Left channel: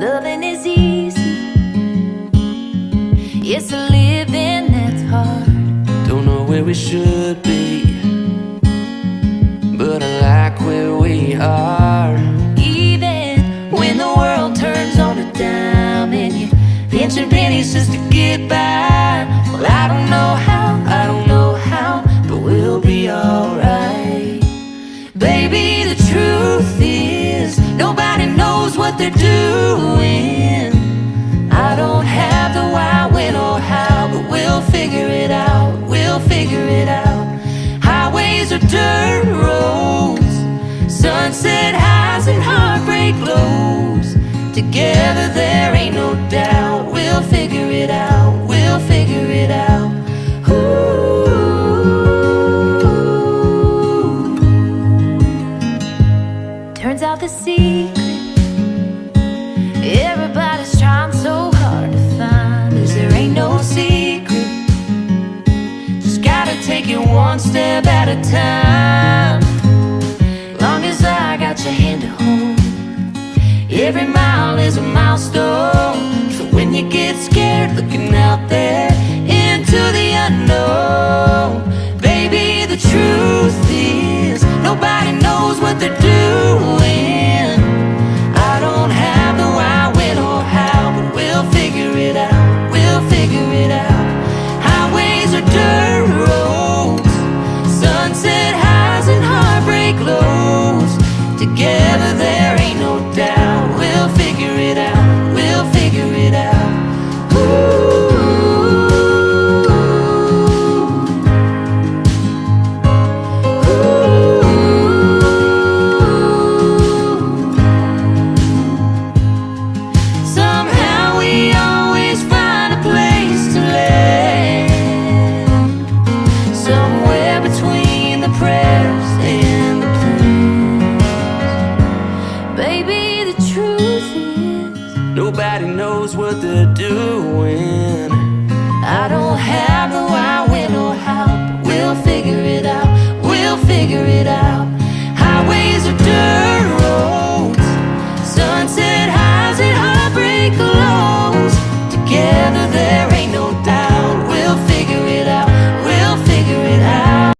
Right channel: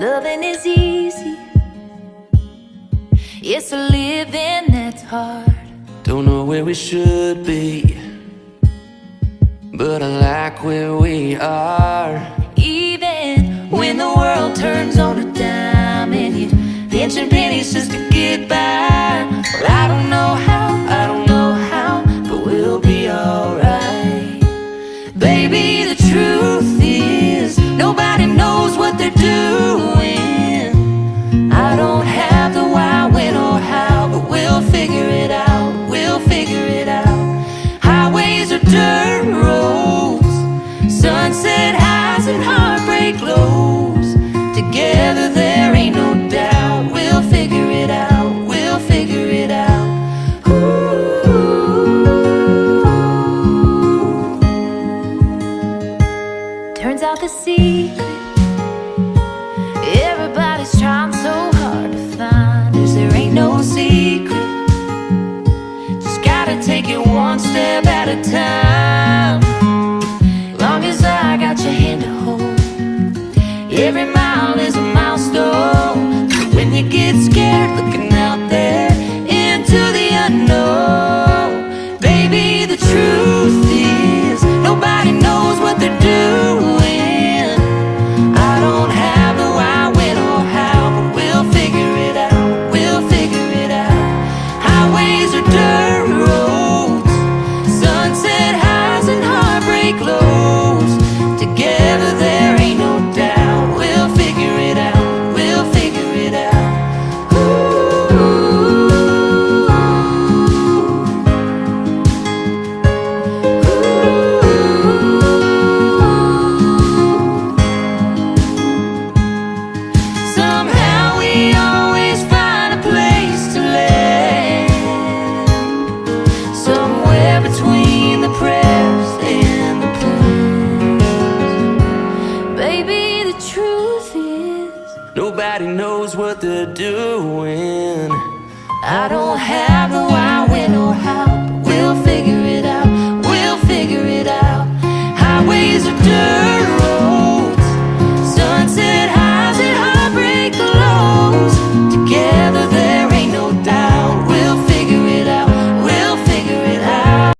Loving is easy, it's a living that's hard. Don't know where we should be, but I like where we are. Even when the world turns on a dime and you're pinching pennies just to get by. Well, I don't know how, but we'll be alright. Baby, the truth is, nobody knows what they're doing. I don't have the why, when, or how, but we'll figure it out, we'll figure it out. Highways are dirt roads, sunset highs and heartbreak lows. Together there ain't no doubt, we'll figure it out, we'll figure it out. Ooh. Turns out the secret everybody's trying so hard to find is there ain't no secret. Just gotta take it one step at a time. Long as I got your hand to hold, every mile is a milestone. So when you get scared looking out there into the unknown, baby, the truth is, nobody knows what they're doing. I don't have the why, when, or how, but we'll figure it out, we'll figure it out. Highways are dirt roads, sunset highs and heartbreak lows. Together there ain't no doubt, we'll figure it out, we'll figure it out. Ooh. Somehow we always find a place to land, somewhere between the prayers and the plans. Baby, the truth is, Nobody knows what they're doing. I don't have the why, when, or how, but we'll figure it out, we'll figure it out. Highways are dirt roads,